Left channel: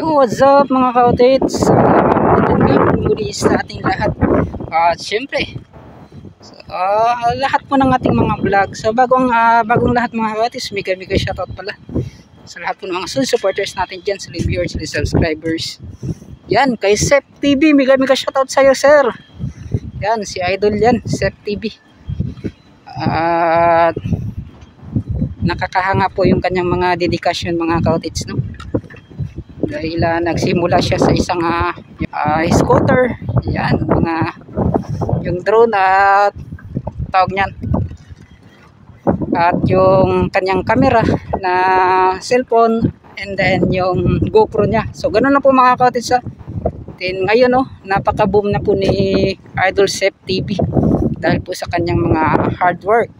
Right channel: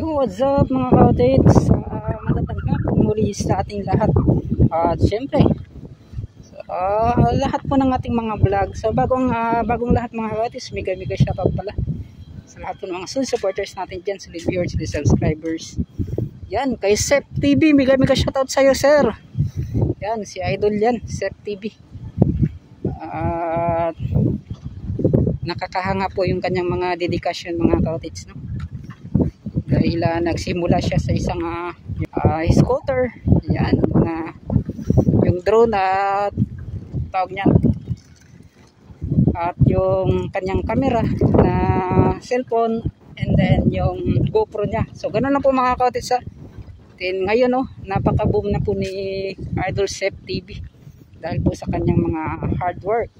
Yo, what's up mga ka-outits? Magandang muli sa ating lahat. Siyempre, lahat po ng ating mga vlog. So bagong lahat mga ka-outits, mega shoutout pala sa lahat po ng mga supporters natin dyan, sa viewers, sa subscribers. Yan, kay Sep TV, mega shoutout sa'yo, sir. Yan, si Idol yan, Sep TV. Nakakahanga po yung kanyang mga dedikasyon mga ka-outits, no? Dahil nagsimula siya sa isang scooter, yan, yung drone at tawag niyan, at yung kanyang camera na cellphone, and then yung GoPro niya. So ganun na po mga ka-outits. Then ngayon napaka-boom na po ni Idol Sep TV dahil po sa kanyang mga hard work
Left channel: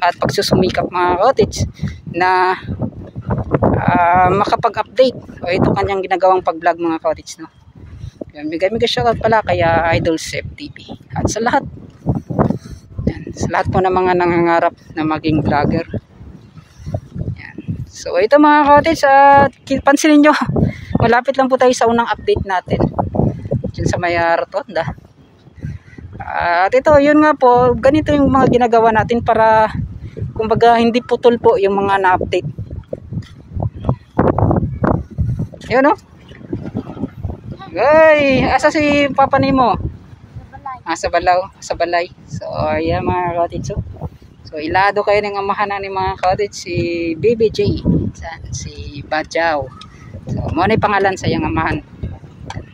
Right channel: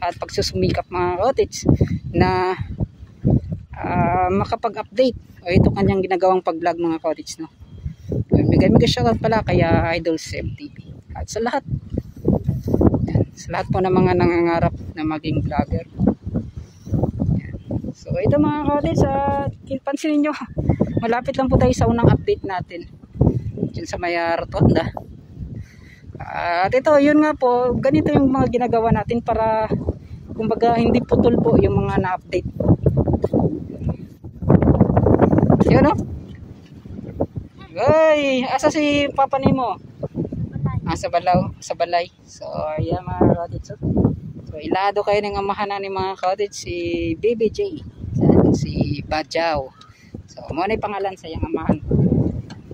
at pagsusumikap mga ka-outits na makapag-update o ito kanyang ginagawang pag-vlog mga ka-outits, no? Mega shoutout pala kaya Idol Sep TV at sa lahat po ng mga nangangarap na maging vlogger. Yan. So ito mga ka-outits, pansinin nyo, malapit lang po tayo sa unang update natin dyan sa may rotonda. At ito, yun nga po, ganito yung mga ginagawa natin para kumbaga hindi putol po yung mga na-update. Yan Ay, asa si Papa Nemo? Sa balay. So ayan mga ka-outits. So ilado kayo ng amahan ni mga ka-outits, si BBJ, si Badjaw. So mo na pangalan sa iyang amahan.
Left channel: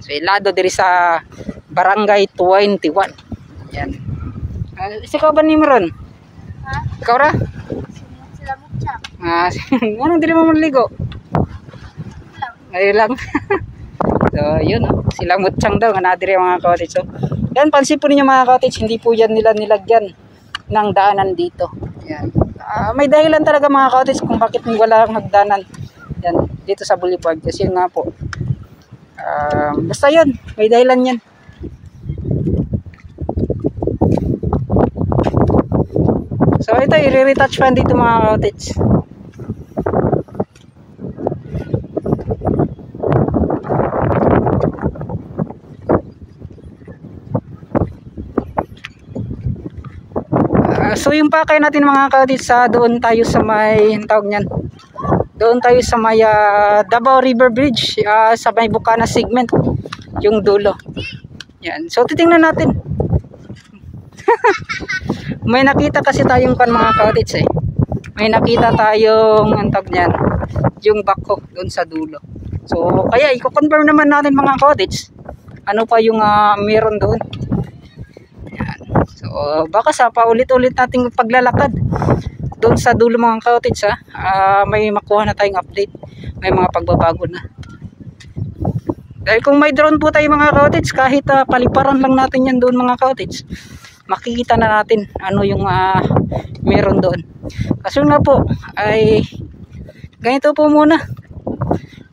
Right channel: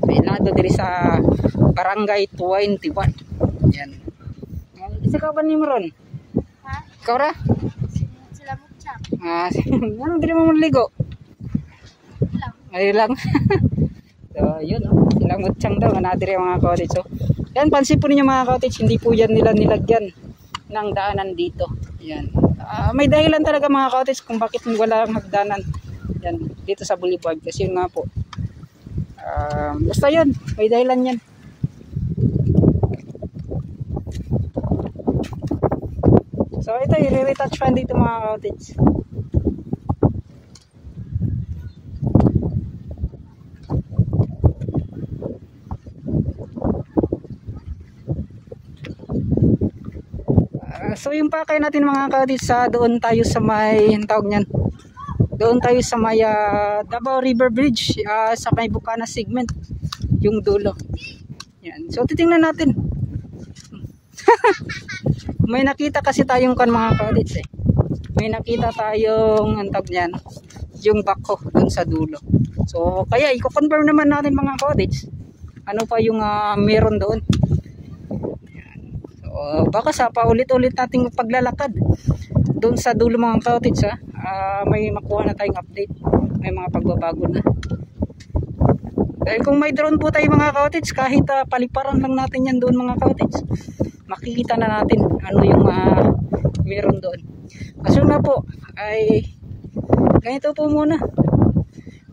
So ilado diri sa Barangay 21. Yan. Ikaw ba ni Meron? Ha? Ikaw ra? Sila mutsak. Anong dili mo maligo? Ngayon lang. So yun, sila mutsang daw nga diri mga ka-outits. So yan, pansin po ninyo mga ka-outits, hindi po yan nila nilagyan ng daanan dito. Yan. May dahilan talaga mga ka-outits kung bakit wala magdanan yan dito sa boulevard, kasi yun nga po, basta yun, may dahilan yan. So ito, i-retouch fan dito mga ka-outits. So yung pakay natin mga ka-outits, doon tayo sa may tawag niyan. Doon tayo sa may Davao River Bridge, sa may Bukana segment, yung dulo. Yan. So titingnan natin. May nakita kasi tayong mga ka-outits May nakita tayong tawag niyan, yung bako doon sa dulo. So kaya i-confirm naman natin mga ka-outits, ano pa yung meron doon. Baka sa paulit-ulit nating paglalakad doon sa dulo mga ka-outits, may makuha na tayong update, may mga pagbabago na. Dahil kung may drone po tayo mga ka-outits, kahit paliparan lang natin yan doon mga ka-outits, makikita na natin ano yung meron doon. Kasi nga po ay ganito po muna,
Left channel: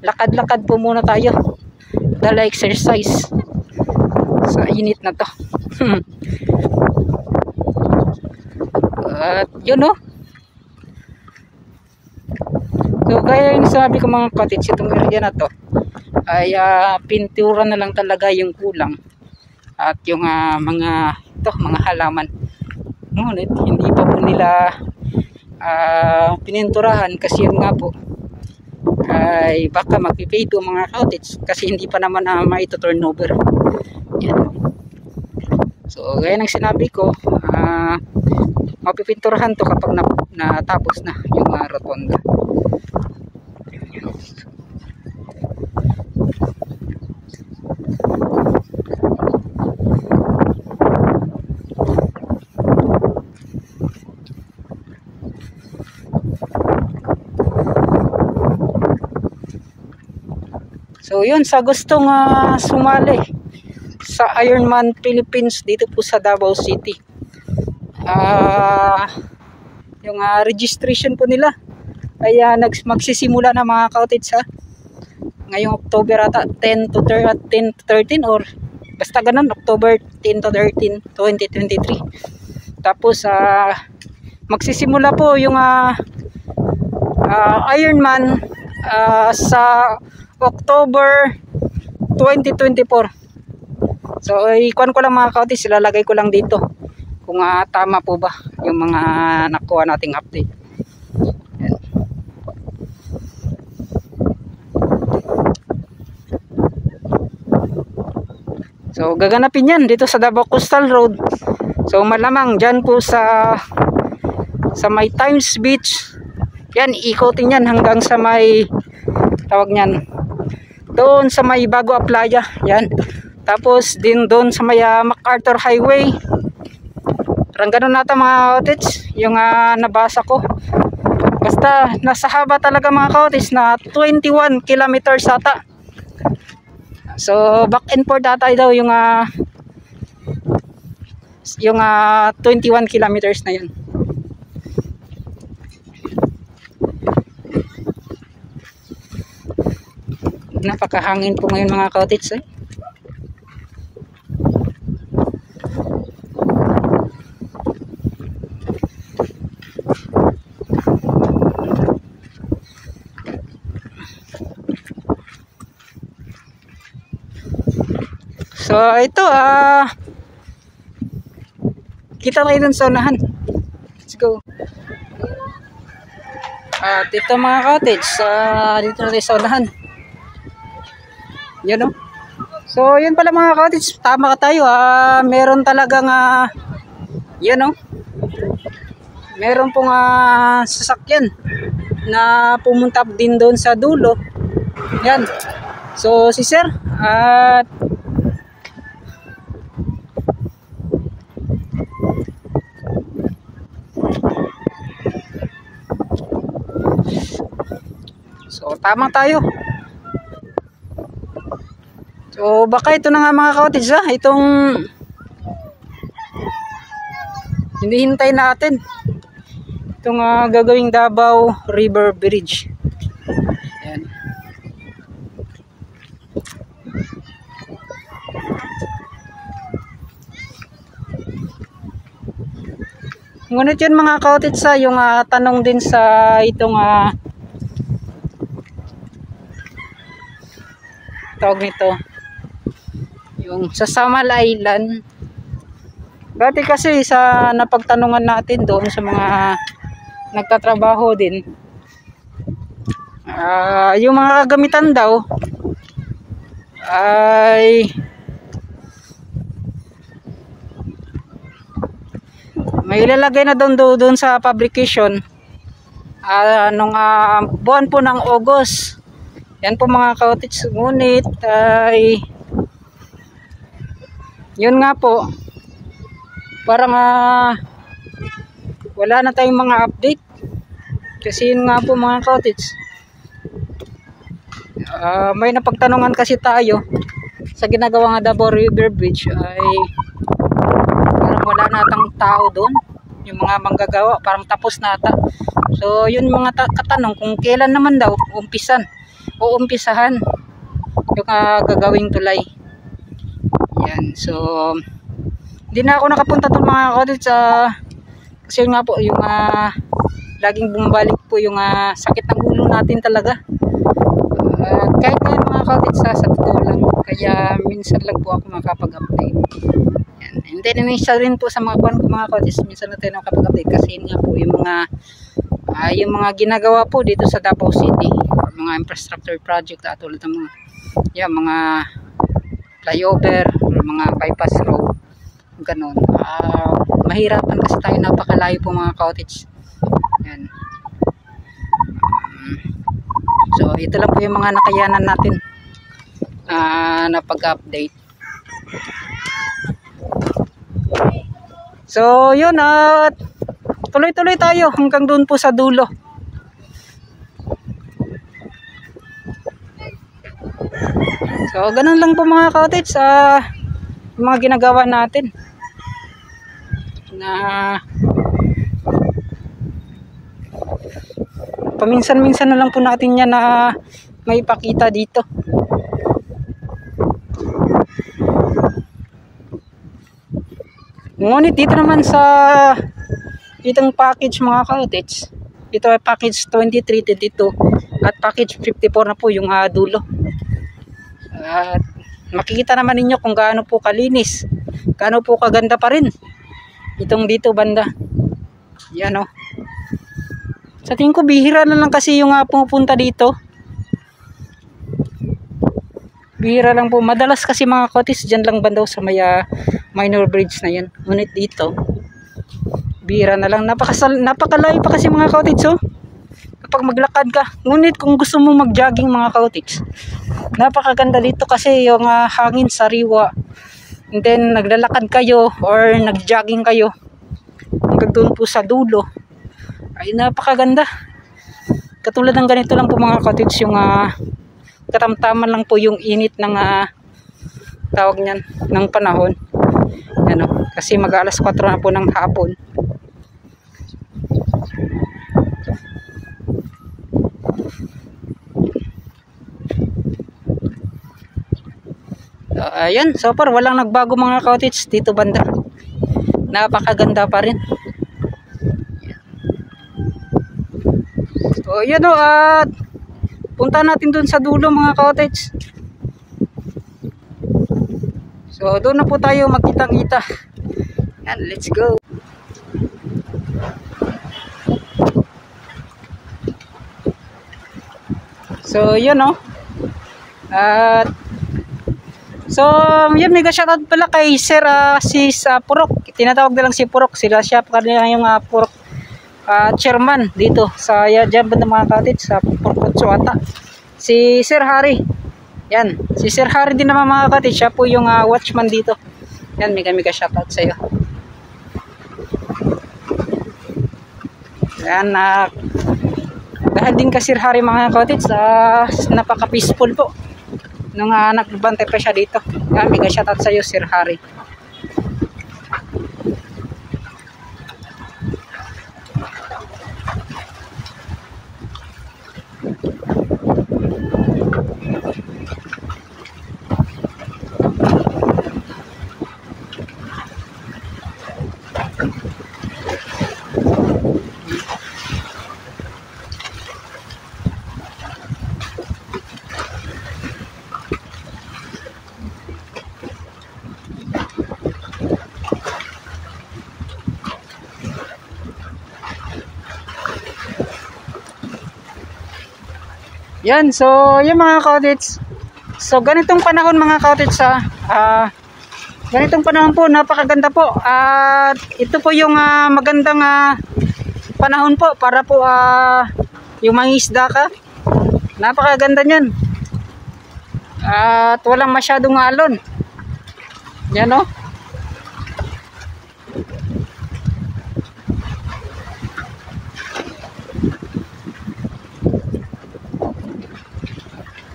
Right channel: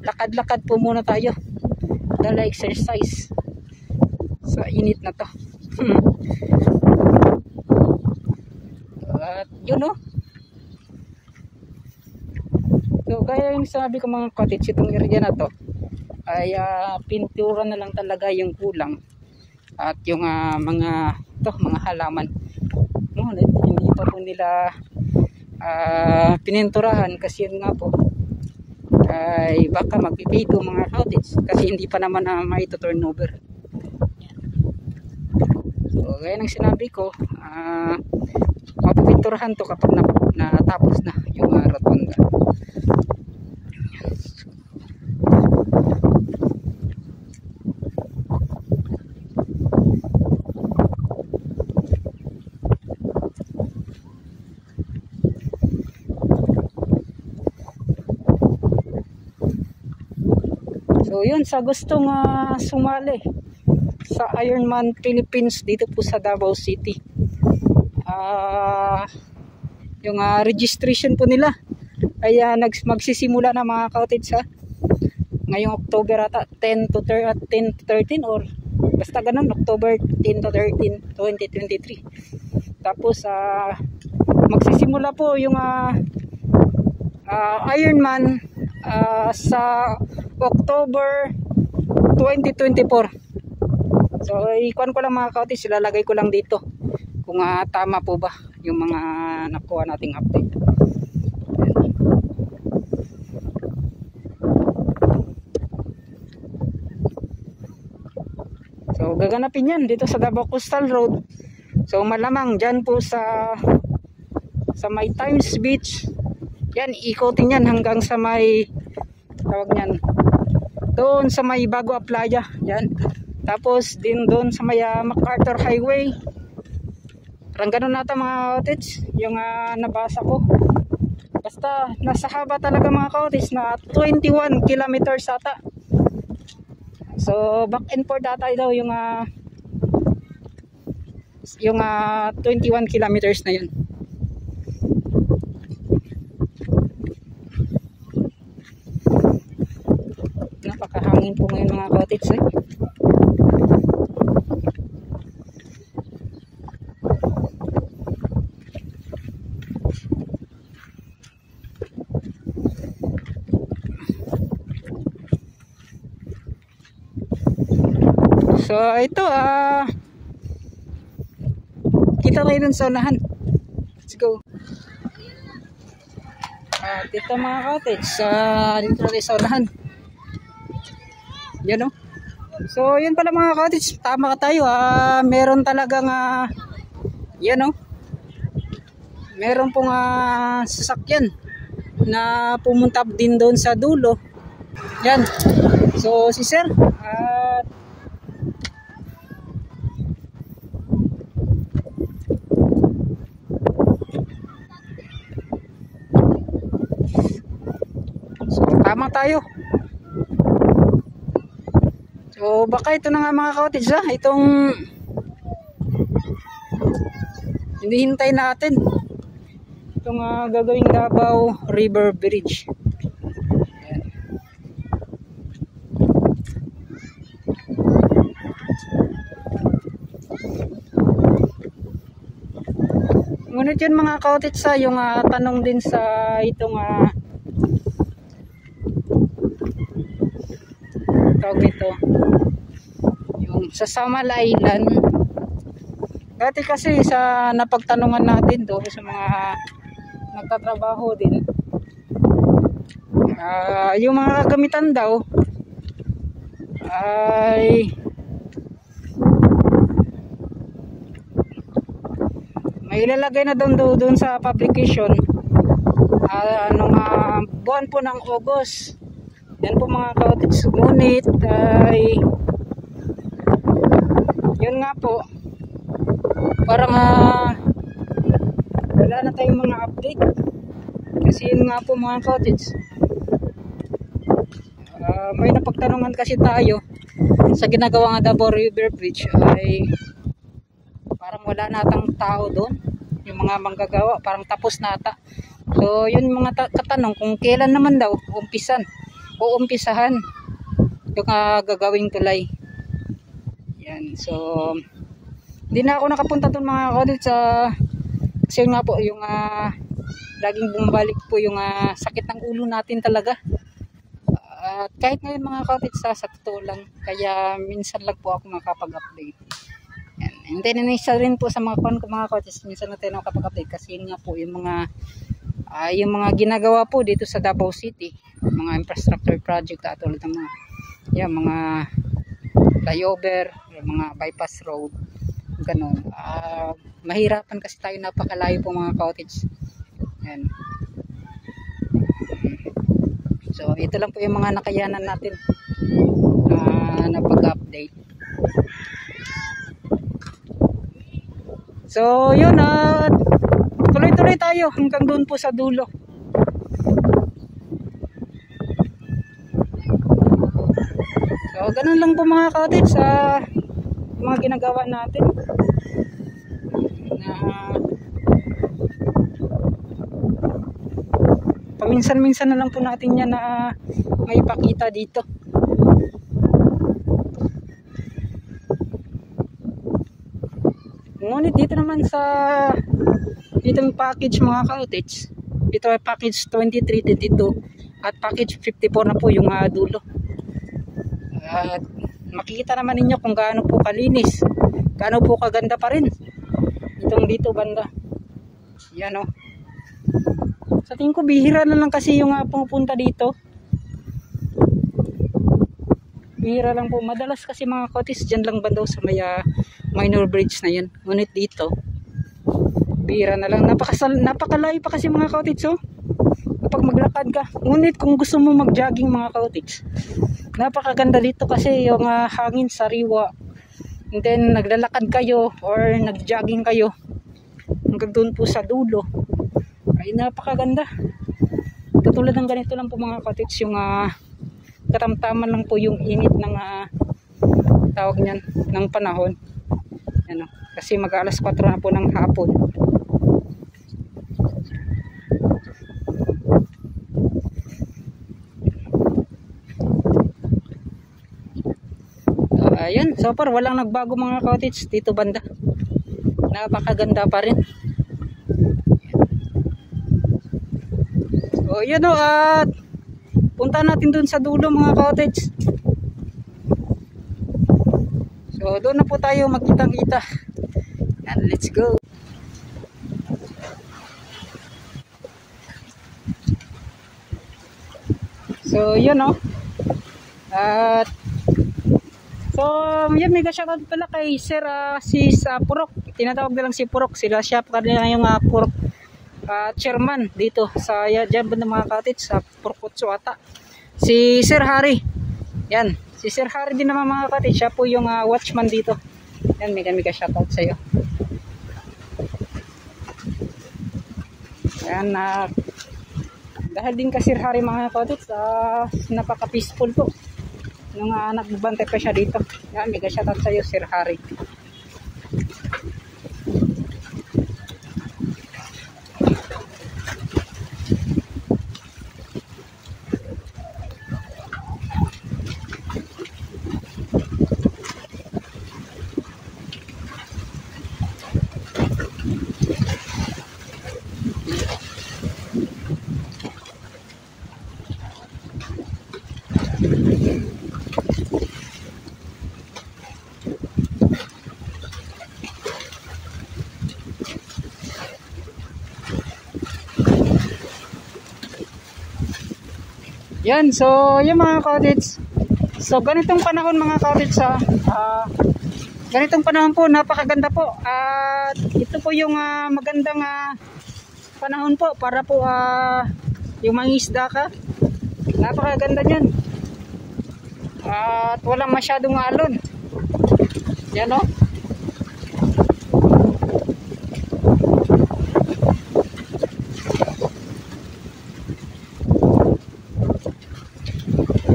lakad-lakad po muna tayo, dala exercise sa init na to. At yun so gaya yung sabi ko mga ka-outits, itong area na to ay pintura na lang talaga yung kulang, at yung mga halaman ngunit hindi pa po nila pininturahan, kasi yun nga po ay baka magpipido mga ka-outits, kasi hindi pa naman maito-turnover. Yan. So gaya ng sinabi ko, mapipinturahan to kapag natapos na yung rotonda. So yun, sa gustong sumali sa Ironman Philippines dito po sa Davao City, yung registration po nila ay magsisimula na mga ka-outits ngayong October ata 10 to 13 or basta ganun, October 10 to 13, 2023. Tapos magsisimula po yung Ironman sa October 2024. So ikuan ko lang mga ka-cottage, ilalagay ko lang dito kung tama po ba yung mga nakuha nating update. Yan. So gaganapin yan dito sa Davao Coastal Road. So malamang dyan po sa may Times Beach. Yan, ikotin yan hanggang sa may tawag nyan, doon sa may Bago Playa. Yan. Tapos din doon sa may MacArthur Highway. Parang ganun nata mga cottage yung nabasa ko. Basta nasa haba talaga mga cottage na 21 kilometers ata. So back and forth ata daw yung 21 kilometers na yun. Napakahangin po ngayon mga cottage eh. So ito kita kayo dun sa unahan. Let's go. At ito mga cottage dito na sa unahan. Yan o. So yun pala mga cottage, tama ka tayo meron talagang yan o, meron pong sasakyan na pumunta din doon sa dulo. Yan. So si sir at so tama tayo. So baka ito na nga mga cottage itong hinihintay natin, itong gagawing Davao River Bridge. Yan. Ngunit yun mga cottage yung tanong din sa itong tawag nito, yung sa Samal Island. Dati kasi sa napagtanungan natin doon sa mga nagtatrabaho din, yung mga gamitan daw ay may ilalagay na doon sa publication nung buwan po ng August. Yan po mga cottage. Ngunit ay yun nga po, parang wala na tayong mga update. Kasi yun nga po mga cottage, may napagtanungan kasi tayo sa ginagawa nga Davao River Bridge ay parang wala natang tao doon, yung mga manggagawa parang tapos na ata. So yun mga katanong kung kailan naman daw umpisahan yung gagawing tulay. Yan. So hindi na ako nakapunta doon mga cottage kasi nga po yung laging bumabalik po yung sakit ng ulo natin talaga. Kahit ngayon mga cottage sa totoo lang, kaya minsan lang po ako makapag-update. Yan. And then isa rin po sa mga cottage, minsan natin nakapag-update kasi nga po yung mga ginagawa po dito sa Davao City, mga infrastructure project tulad ng mga flyover, mga bypass road, ganun. Mahirapan kasi tayo, napakalayo po mga cottage. Yan. So ito lang po yung mga nakayanan natin na pag-update. So yun, tuloy-tuloy tayo hanggang doon po sa dulo. So ganun lang po mga cottage mga ginagawa natin na paminsan-minsan na lang po natin yan na may ipakita dito. Ngunit dito naman sa itong package mga cottage, ito ay package 23, 22 at package 54 na po yung dulo. At makikita naman ninyo kung gaano po kalinis, gaano po kaganda pa rin itong dito banda. Yan o. Sa tingin ko bihira na lang kasi yung pumupunta dito. Bihira lang po. Madalas kasi mga cottage dyan lang bandaw sa may minor bridge na yan. Ngunit dito bihira na lang. Napakalayo pa kasi mga cottage oh. Kapag maglakad ka. Ngunit kung gusto mo mag-jogging mga cottage, napakaganda dito kasi yung hangin sariwa. And then naglalakad kayo or nag-jogging kayo hanggang doon po sa dulo. Ay napakaganda. Katulad ng ganito lang po mga cottage yung katamtaman lang po yung init ng tawag niyan ng panahon. Ano, kasi mag-alas 4 na po ng hapon. Ayun, so far walang nagbago mga cottage dito banda. Napakaganda pa rin. So yun o, at punta natin dun sa dulo mga cottage. So doon na po tayo magkitang-kita. And let's go. So yun o. At so yun, mega shoutout pala kay Sir si Purok. Tinatawag na lang si Purok. Siya pa kanila yung Purok chairman dito sa dyan ba ng mga cottage sa Purkotso ata. Si Sir Harry. Yan, si Sir Harry din naman mga cottage. Siya po yung watchman dito. Yan, mega shoutout sa iyo. Yan, dahil din ka Sir Harry mga cottage, napaka peaceful po nung nagbantay pa siya dito. Yan, mega shoutout sa iyo Sir Harry. Yan, so yung mga cottage. So ganitong panahon mga cottage ganitong panahon po, napakaganda po. At ito po yung magandang panahon po para po yung mangisda ka. Napakaganda niyan. At walang masyadong alon. Yan o.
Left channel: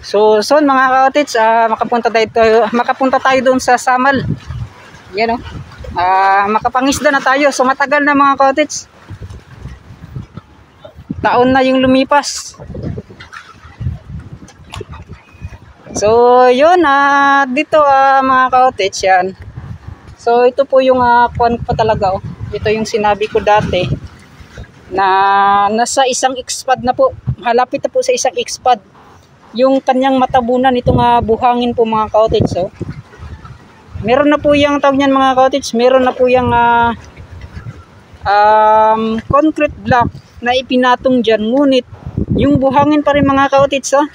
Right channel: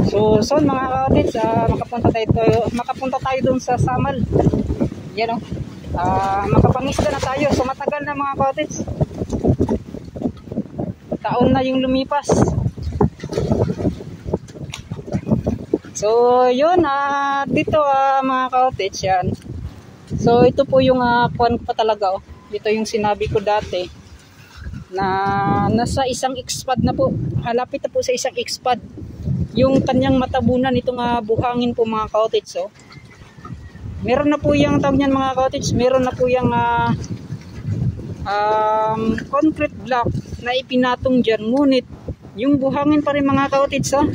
So soon mga cottage, makapunta tayo doon sa Samal. Yan o. Makapangisda na tayo. So matagal na mga cottage. Taon na yung lumipas. So yun, dito mga cottage yan. So ito po yung kuwan pa talaga oh. Ito yung sinabi ko dati na nasa isang expad na po. Halapit na po sa isang expad yung kanyang matabunan itong buhangin po mga cottage. So meron na po yung tawag niyan mga cottage, meron na po yung concrete block na ipinatong dyan, ngunit yung buhangin pa rin mga cottage oh.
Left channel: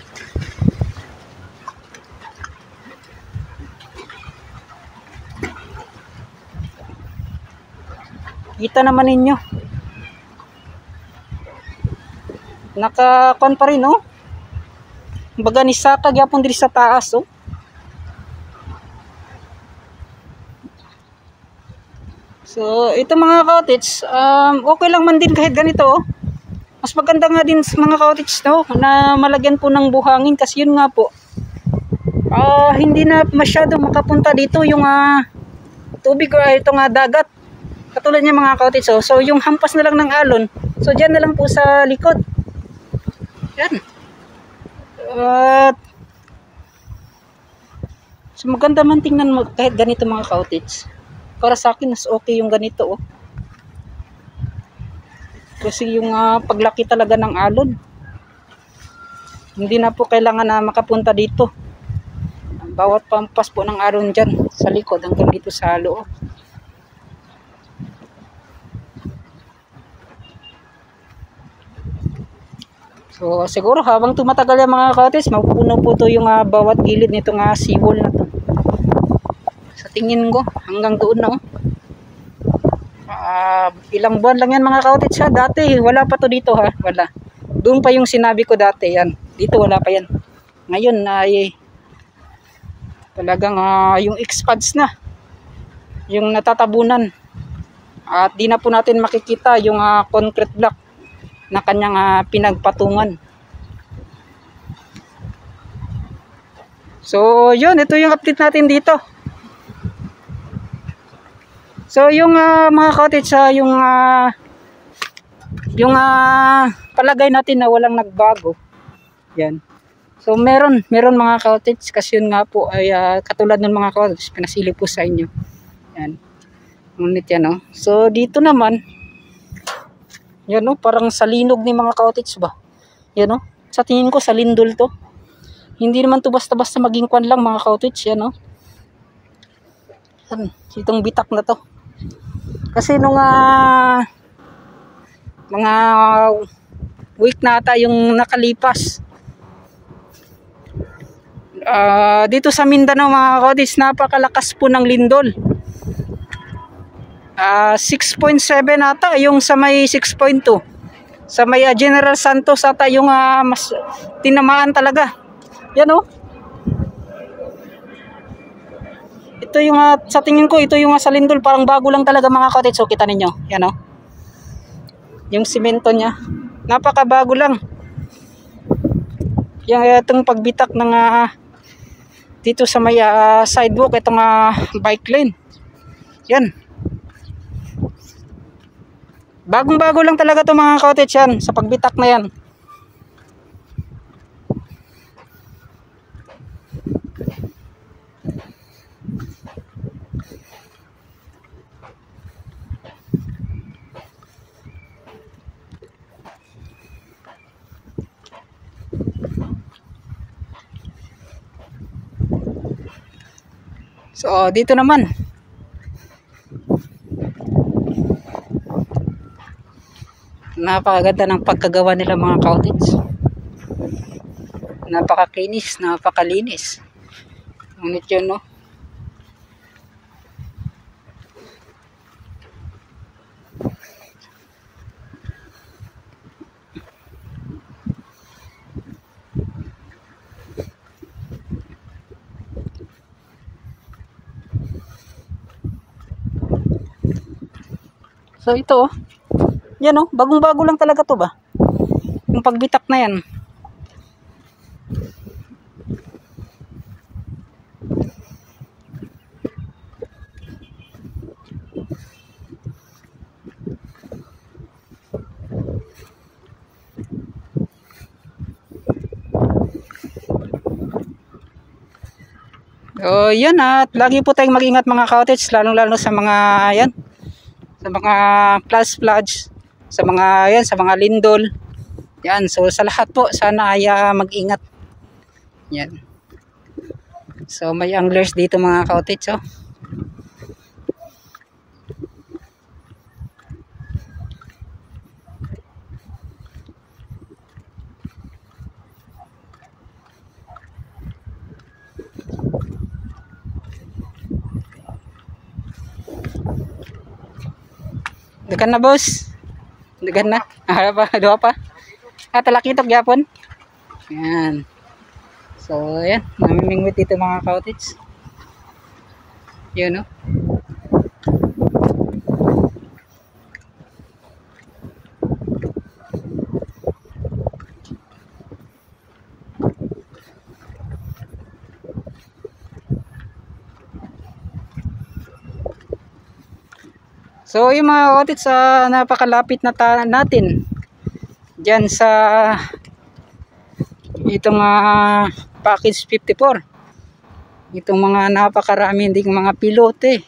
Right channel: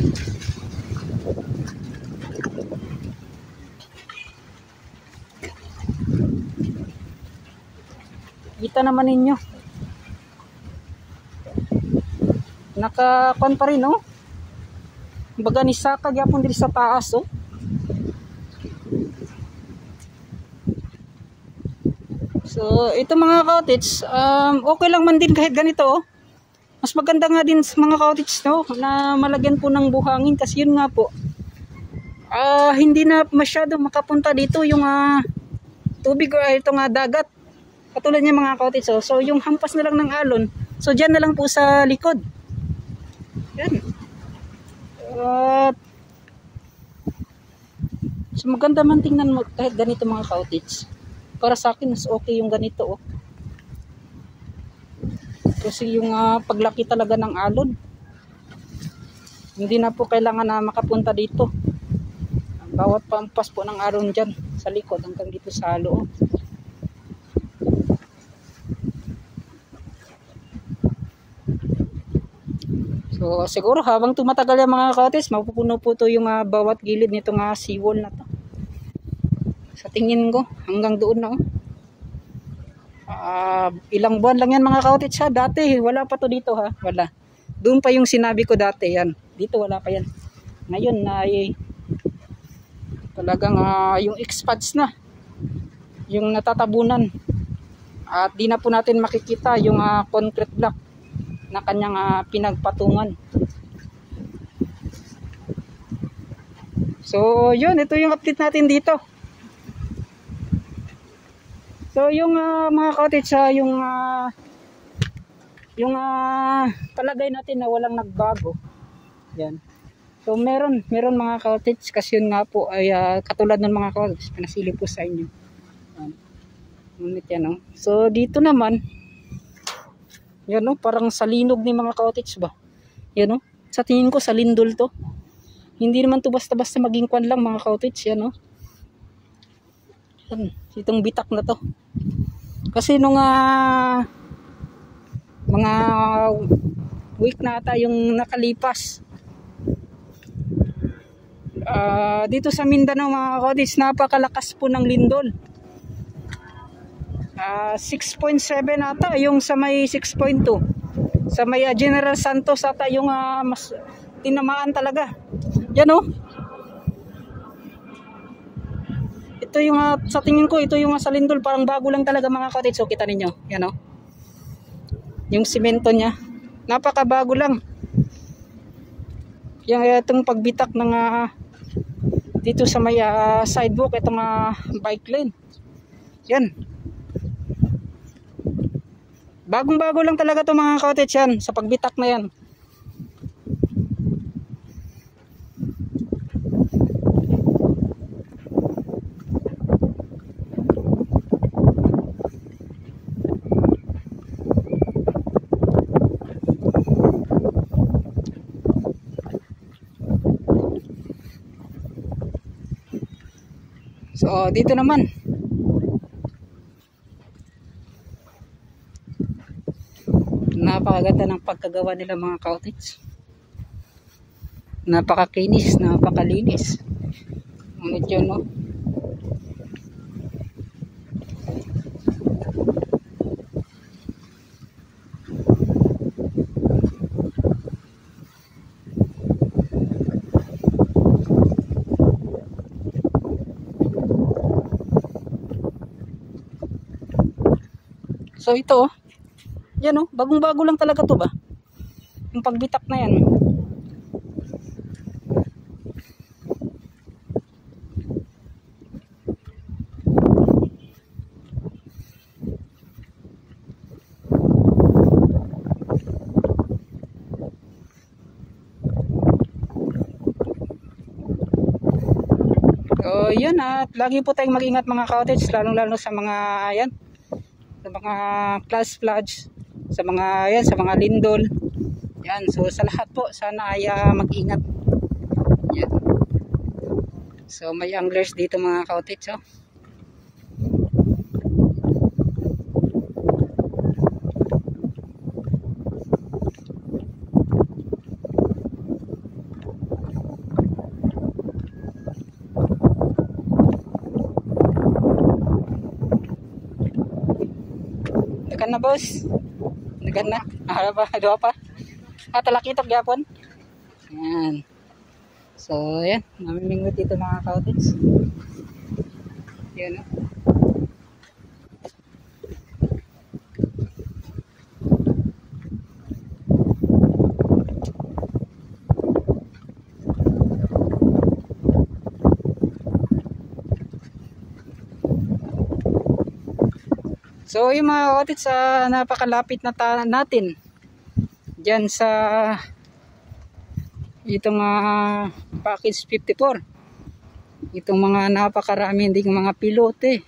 Kita naman ninyo, nakakon pa rin oh. Baga ni saka gyapon diri sa taas oh. So ito mga cottage, okay lang man din kahit ganito oh. Mas maganda nga din mga cottage no, na malagyan po ng buhangin kasi yun nga po, hindi na masyado makapunta dito yung tubig o itong dagat. Katulad niya mga cottage oh. So yung hampas na lang ng alon, so dyan na lang po sa likod. Yan. At so maganda man tingnan mo kahit ganito mga cottage. Para sa akin mas okay yung ganito oh. Kasi yung paglaki talaga ng alon, hindi na po kailangan na makapunta dito. Bawat pampas po ng araw dyan sa likod hanggang dito sa loob. So siguro habang tumatagal yung mga cottage, mapupuno po to yung bawat gilid nitong seawall na to. Sa tingin ko hanggang doon na ilang buwan lang yan mga cottage ha. Dati wala pa to dito ha, wala. Doon pa yung sinabi ko dati yan. Dito wala pa yan. Ngayon ay talagang yung expands na. Yung natatabunan. At di na po natin makikita yung concrete block na kanyang pinagpatungan. So yun, ito yung update natin dito. So yung mga cottage yung palagay natin na walang nagbago. Yan. So meron mga cottage kasi yun nga po ay katulad ng mga cottage pinasili po sa inyo. Yan. Ngunit yan So dito naman yan parang salinog ni mga cottage ba. Yan sa tingin ko sa lindol to. Hindi naman to basta-basta maging kwan lang mga cottage yan Yan, itong bitak na to. Kasi nung mga week na ata yung nakalipas dito sa Mindanao mga cottage, napakalakas po ng lindol. 6.7 ata yung sa may 6.2 sa may General Santos ata yung mas tinamaan talaga. Yan ito yung sa tingin ko ito yung sa lindol, parang bago lang talaga mga cottage. So kita ninyo yan yung simento nya napakabago lang. Yung itong pagbitak ng dito sa may sidewalk, itong bike lane yan, bagong-bago lang talaga to mga cottage yan sa pagbitak na yan. So dito naman napakaganda ng pagkagawa nila mga cottage. Napakakinis, napakalinis. Ngunit yun So ito yan bagong-bago lang talaga to ba. Yung pagbitak na yan. So yan at lagi po tayong mag-ingat mga cottage, lalong-lalo sa mga yan, sa mga flash floods, sa mga yan, sa mga lindol. Yan, so sa lahat po sana ay mag-ingat. Yan. So may anglers dito mga cottage Dagan na boss. Dagan na. Dua pa. Talakitok yapon. Yan. So yan, namimingwit dito mga cottage. Yun So yung mga cottage napakalapit na natin dyan sa itong package 54. Itong mga napakarami ding mga pilote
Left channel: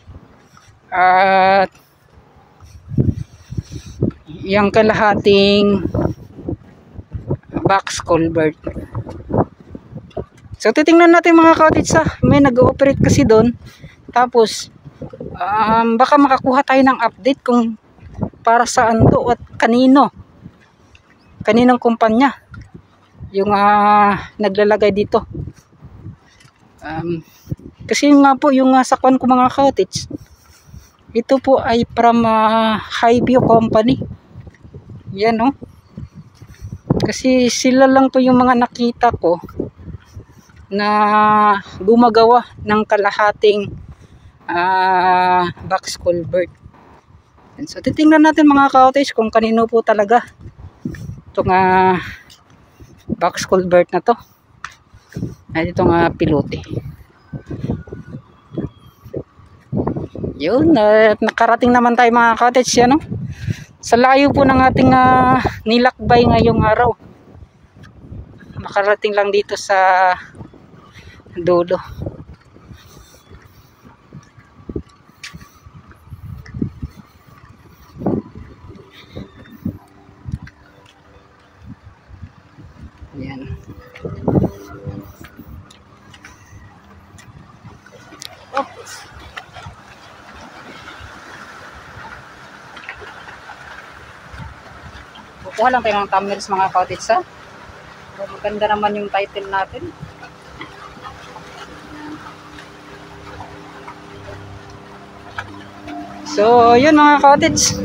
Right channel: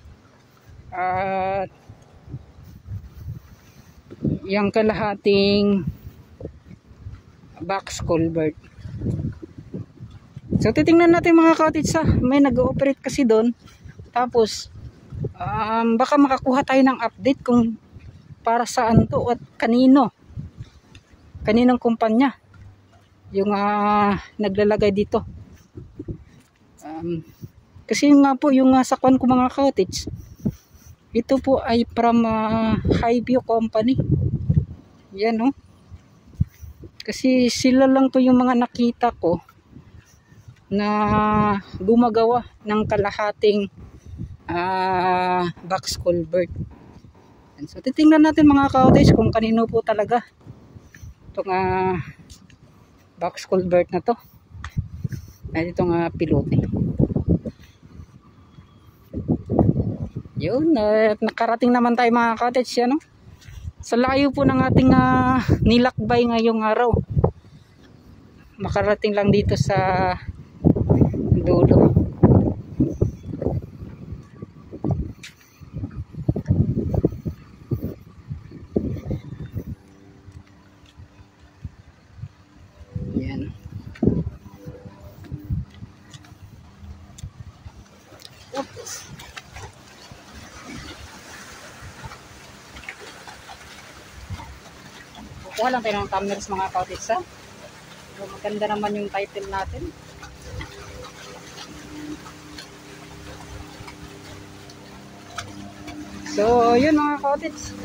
at yung kalahating box culvert. So titingnan natin mga ka-cottage may nag-ooperate kasi doon. Tapos baka makakuha tayo ng update kung para saan to at kaninong kumpanya yung naglalagay dito. Kasi nga po yung sa kwan ko mga ka-cottage, ito po ay from Highview Company. Yan no. Kasi sila lang po yung mga nakita ko na gumagawa ng kalahating box culvert. So titingnan natin mga ka-cottage kung kanino po talaga itong box culvert na to. At itong pilote. Yun, nakarating naman tayo mga ka-cottage yan, no? Sa layo po ng ating nilakbay ngayong araw. Makarating lang dito sa dulo. Yan. Kuha lang tayo ng thumbnails mga ka-cottage maganda naman yung title natin. So yun mga ka-cottage,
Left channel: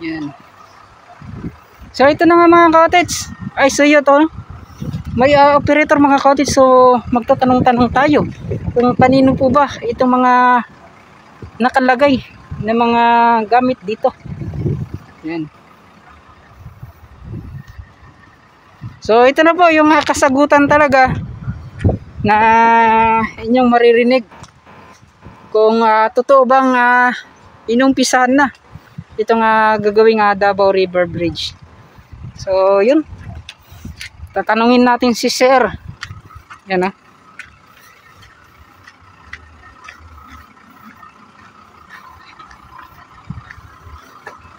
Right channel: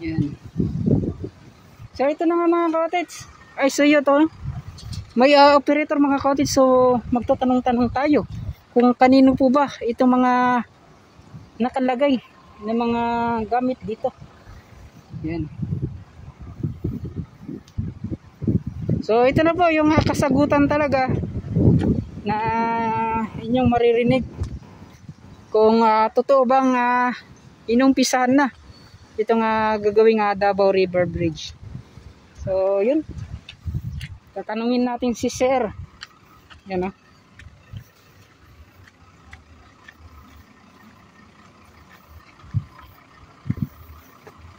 yan. So ito na nga mga ka-cottage, ay so yun to, may operator mga ka-cottage. So magtatanong-tanong tayo kung kanino po ba itong mga nakalagay na mga gamit dito. Yan. So ito na po yung kasagutan talaga na inyong maririnig kung totoo bang inumpisahan na itong gagawing Davao River Bridge. So yun, tatanungin natin si Sir. Yan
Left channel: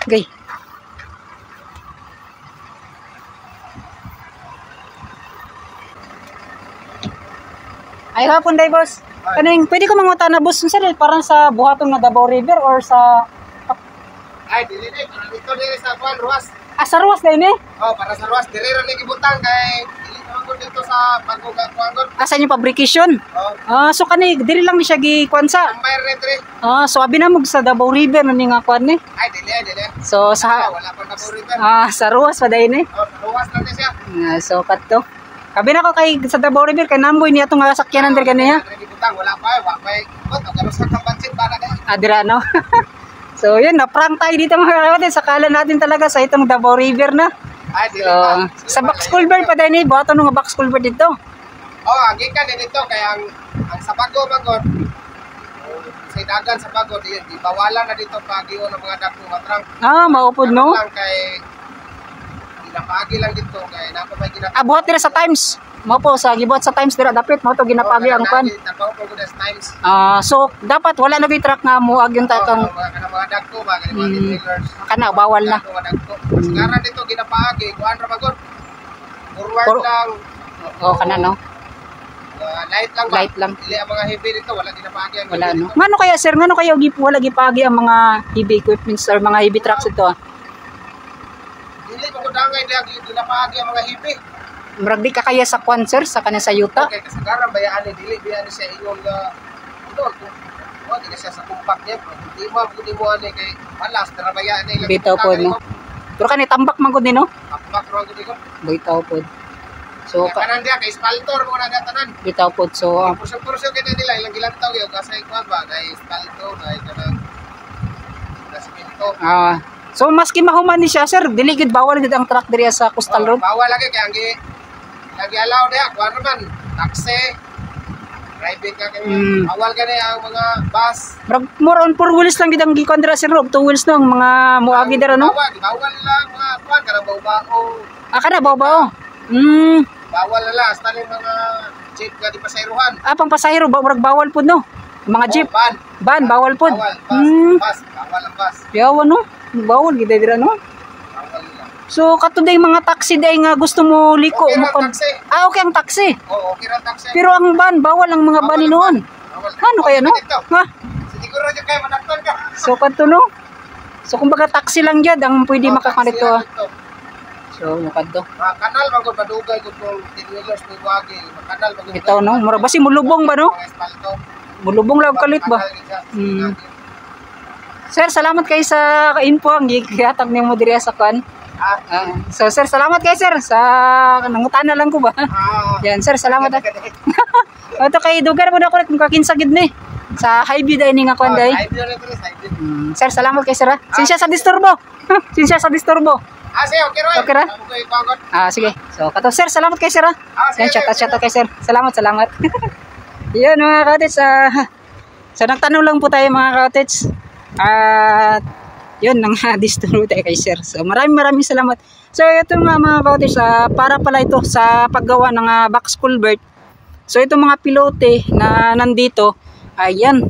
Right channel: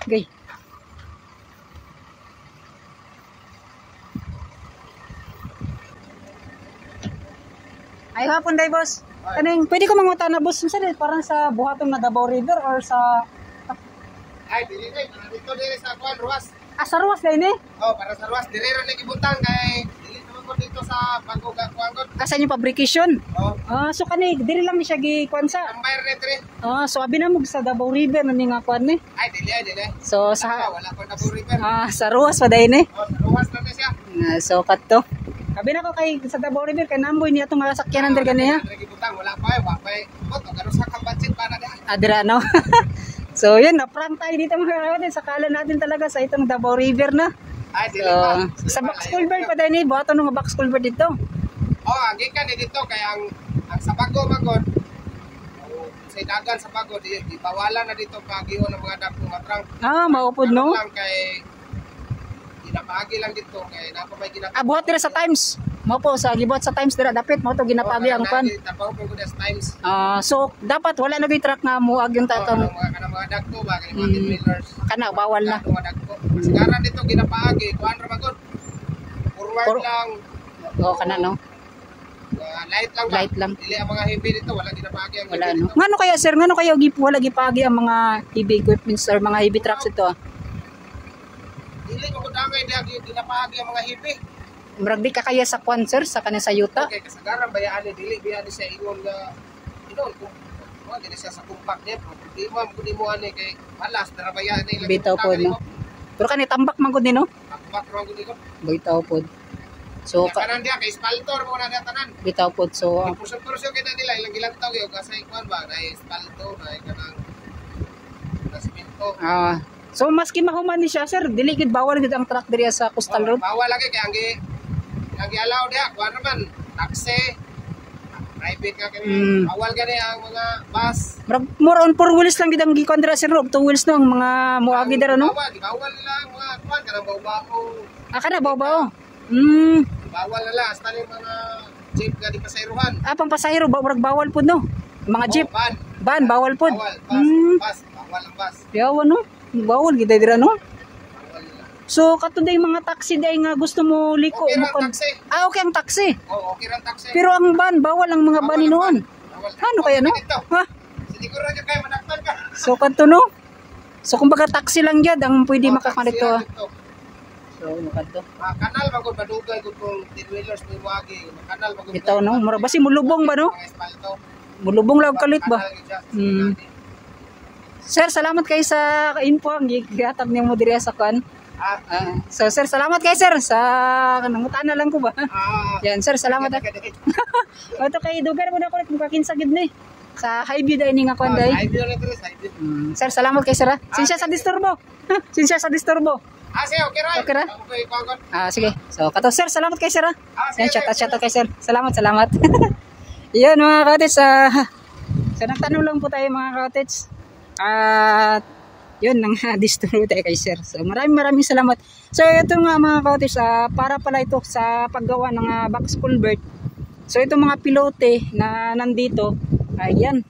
okay. Ay hapon day boss. Kaning pwede ko manguta na boss sir parang sa buhaton nga Davao River or sa ay dili dito sa Juan Ruas. Sa Ruas din Oh, para sa Ruas dire ra ni gibutang kay dili naman dito sa Baguga Kuangon. Sa inyo fabrication. Oh. So kani diri lang ni siya gikuan sa. Ang bayar dire. So abi na mo sa Davao River na ni nga kuan ni. Ay dili. So sa wala pa Davao River. Sa Ruas pa din Oh, Ruas lang siya. So kadto. Kabi na ko kay sa Davao River kay namboy ni atong sakyanan dir kaniya. Gibutang wala pa Ito garo sa kampansin para na. Dira no. So yan, na-prank tayo dito mga kapatid. Sakala natin talaga sa itong Davao River na. Ay, dili pa. Sa box culvert pa din buhaton nga box culvert dito. Oh, gikan dito kay ang Sabago magod. Si dagan sa Bago di bawalan na dito pagiho ng mga dagko matrang. Maupod no. Lang kay ginapagi lang dito kay nako may ginapagi. Buhat dira sa Times. Mo po sa gibuhat sa Times dira dapat mo to ginapagi ang pan. Times. So dapat wala na bi-track nga muag yung tatong mga dagko ba kani mga trailers. Kana bawal na. Sigaran dito ginapagi kuan ra magod. Forward lang. Kana no. Light lang. Dili ang mga heavy dito wala ginapagi ang. Wala no. Ngano kaya sir, ngano kaya wala gipagi ang mga heavy equipments or mga heavy trucks ito? Dili ko dangay diha ginapagi ang mga heavy. Murag di ka kaya sa kwan sir, sa kana sa yuta. Okay, kasagaran bayaan ni dili biya ni sa ingon nga ano, di siya sa kumpak niya. Di mo ani kay malas tara bayaan ni. Bitaw po no. Pero kani tambak man gud ni no? Tambak ra gud ko. Bitaw po. So kanan dia kay spaltor mo na tanan. Bitaw po. So puso kita nila ilang gilantaw yo kasay kwan ba kay spaltor kay kanang simento. So maski mahuman ni siya sir, dili gid bawal gid ang truck diri sa Coastal Road. Bawal lagi kay lagi allow dia kuan man taxi private ka kay bawal gani ang mga bus. More on 4 wheels lang gid ang gikuan dira sir, 2 wheels no ang mga muagi dira no. Bawal nila mga kuan kanang bawo. Kana bawo. Bawal nila hasta mga jeep ka di pasayrohan. Pang pasahero murag bawal pud no. Mga jeep. Ban. Ban, bawal po. Bawal. Bus. Bawal ang bus. Yawa no? Bawal, gina dira no? Bawal lang. So, katuday mga taxi day nga gusto mo liko. Okay mo lang taxi. Okay ang taxi. Oo, okay lang taxi. Pero ang ban, bawal ang mga Bawal bani ang noon. Bawal. Ano kaya no? Dito. Ha? Siguro dyan kayo manakton ka. So, kanto no? So, kumbaga taxi lang dyan ang pwede makakanito. So, kanto. Kanal magod madugay gud kung dinwilers may wagi. Kanal magod. Ito no? Mura ba si mulubong ba no? Mga espalto. Mulubong lang kalit ba? Sir, salamat kayo sa info ang gihatag nimo diri sa kan. So sir, salamat kayo sir sa nangutana lang ko ba. Yan sir, salamat. Ato kay dugar po na ko kung kakinsa gid ni sa highview dai ni nga kon dai. Sir, salamat kayo sir. Sinsya sa disturbo. Sinsya sa disturbo. Sige, okay ra. Okay ra? Sige. So kato sir, salamat kayo sir. Yan chat kay sir. Salamat. Yan mga ka-outits, so nagtanong lang po tayo mga ka-outits. At yun, nang distro tayo kay sir. So maraming salamat. So ito nga mga ka-outits, para pala ito sa paggawa ng box culvert. So itong mga pilote na nandito, ayan,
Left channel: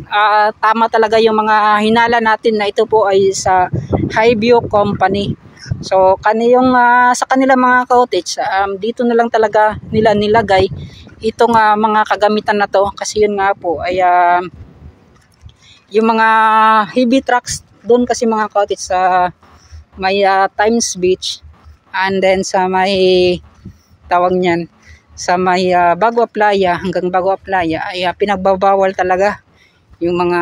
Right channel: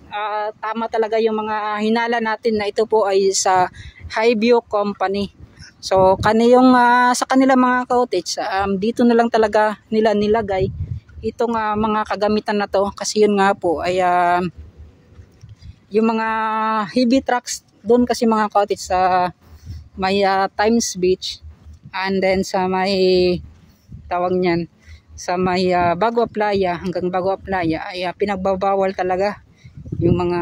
tama talaga yung mga hinala natin na ito po ay sa Highview Company. So kaniyong sa kanila mga ka-outits, dito na lang talaga nila nilagay itong mga kagamitan na to kasi yun nga po ay yung mga heavy trucks doon kasi mga ka-outits sa may Times Beach and then sa may tawag niyan sa may Bagua Playa hanggang Bagua Playa ay pinagbabawal talaga yung mga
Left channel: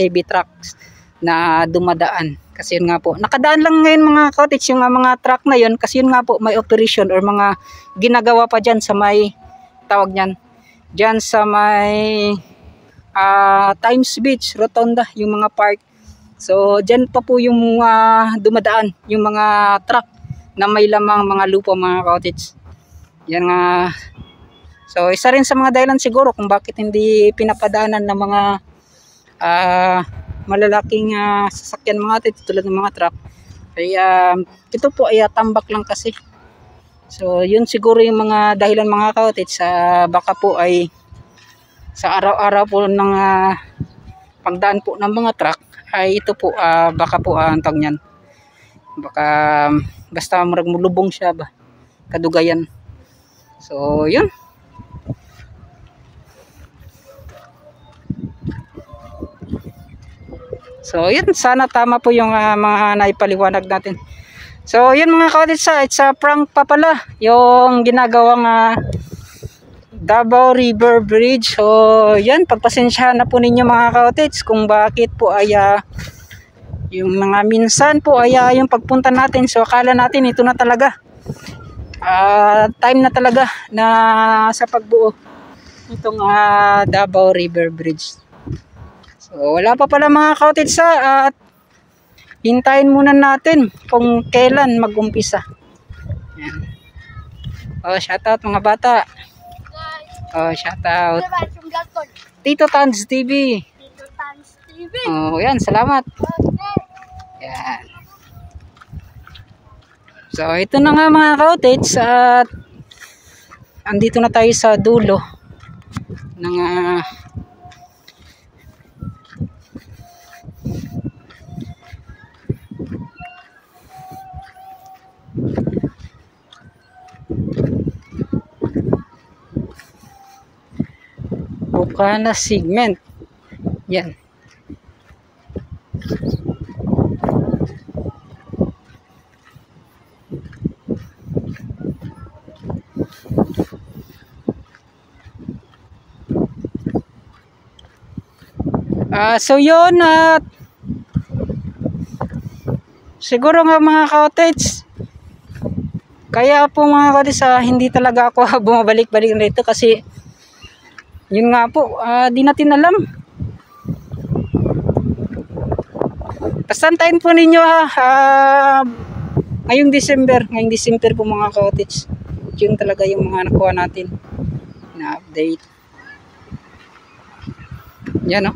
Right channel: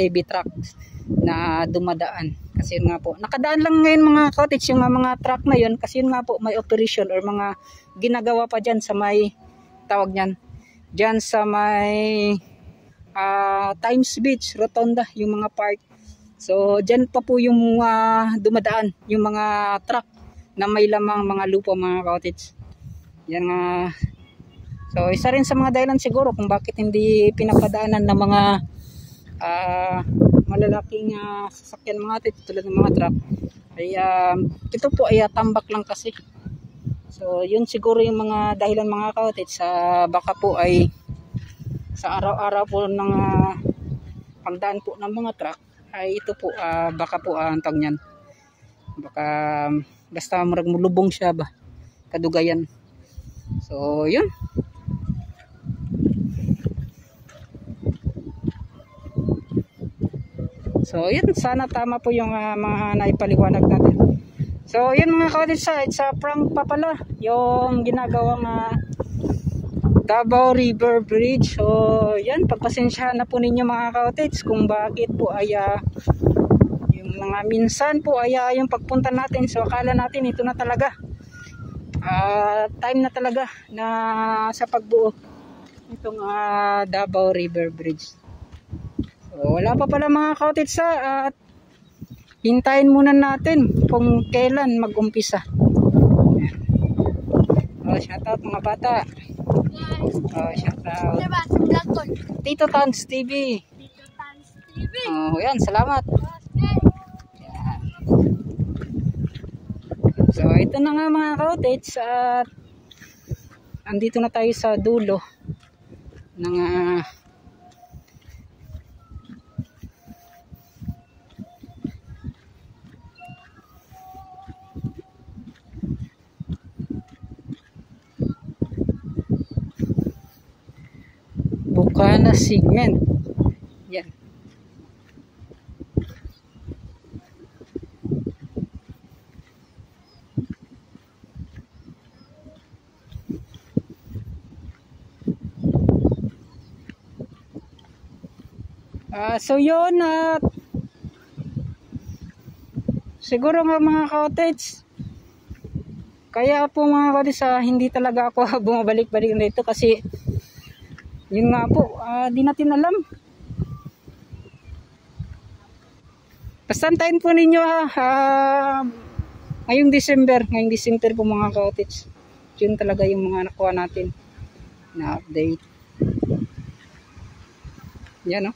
heavy trucks na dumadaan kasi yun nga po nakadaan lang ngayon mga ka-outits yung mga truck na yun kasi yun nga po may operation or mga ginagawa pa dyan sa may tawag niyan dyan sa may Times Beach Rotonda yung mga park. So dyan pa po yung dumadaan yung mga truck na may lamang mga lupa mga ka-outits. Yan nga. So isa rin sa mga dahilan siguro kung bakit hindi pinapadaanan ng mga malalaking sasakyan mga ka-outits tulad ng mga truck. Kaya ito po ay tambak lang kasi. So yun siguro yung mga dahilan mga ka-outits baka po ay sa araw-araw po ng pagdaan po ng mga truck ay ito po baka po ang tawag niyan. Baka basta mulubong siya ba kadugayan. So yun. So yun, sana tama po yung mga naipaliwanag natin. So yun mga ka-outits, it's a prank pa pala yung ginagawang Davao River Bridge. So yan, pagpasensyahan na po ninyo mga ka-outits kung bakit po ay yung mga minsan po ay yung pagpunta natin, so akala natin ito na talaga time na talaga na sa pagbuo itong Davao River Bridge. So wala pa pala mga ka-outits at hintayin muna natin kung kailan mag-umpisa. Oh, shoutout mga bata. Oh, shoutout. Tito Tans TV. Oh, yan, salamat. Yan. So, ito na nga mga ka-outits at andito na tayo sa dulo ng Bukana segment. Yan. So yun siguro nga mga ka-outits kaya po mga ka-outits hindi talaga ako bumabalik-balik rito kasi yun nga po di natin alam. Pasantayin po ninyo ngayong December po mga ka-outits. Yun talaga yung mga nakuha natin na update. Yan o.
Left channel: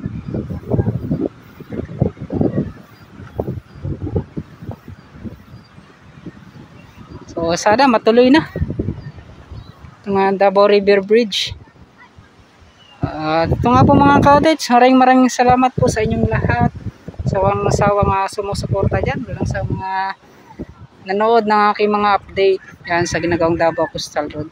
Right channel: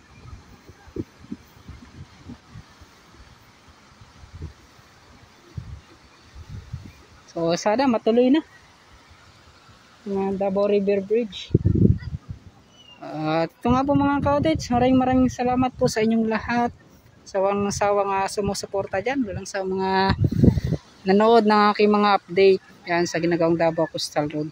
So sana matuloy na itong Davao River Bridge. Ito nga po mga ka-cottage, maraming salamat po sa inyong lahat. Sa walang nasawang sumusuporta dyan, walang sa mga nanood ng aking mga update yan sa ginagawang Davao Coastal Road.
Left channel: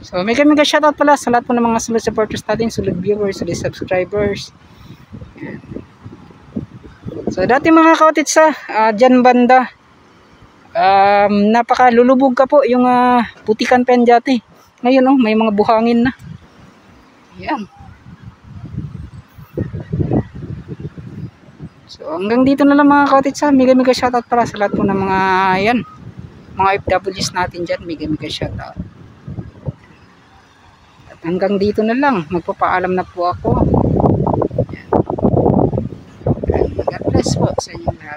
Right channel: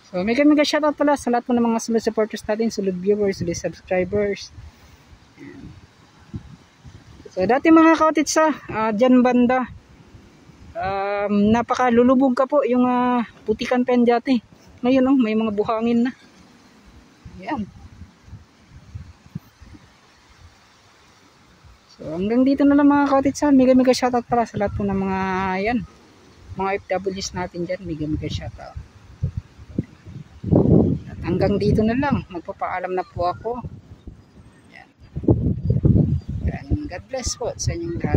So mega shoutout pala sa lahat po ng mga solid supporters natin, solid viewers, solid subscribers. Yan. So dati mga ka-cottage dyan banda, napaka lulubog ka po yung putikan pen dati. Ngayon may mga buhangin na. Yan. So hanggang dito na lang mga ka-cottage mega shoutout pala sa lahat po ng mga yan, mga FWs natin dyan, mega shoutout. At hanggang dito na lang, magpapaalam na po ako. Yan. God bless po sa inyong lahat.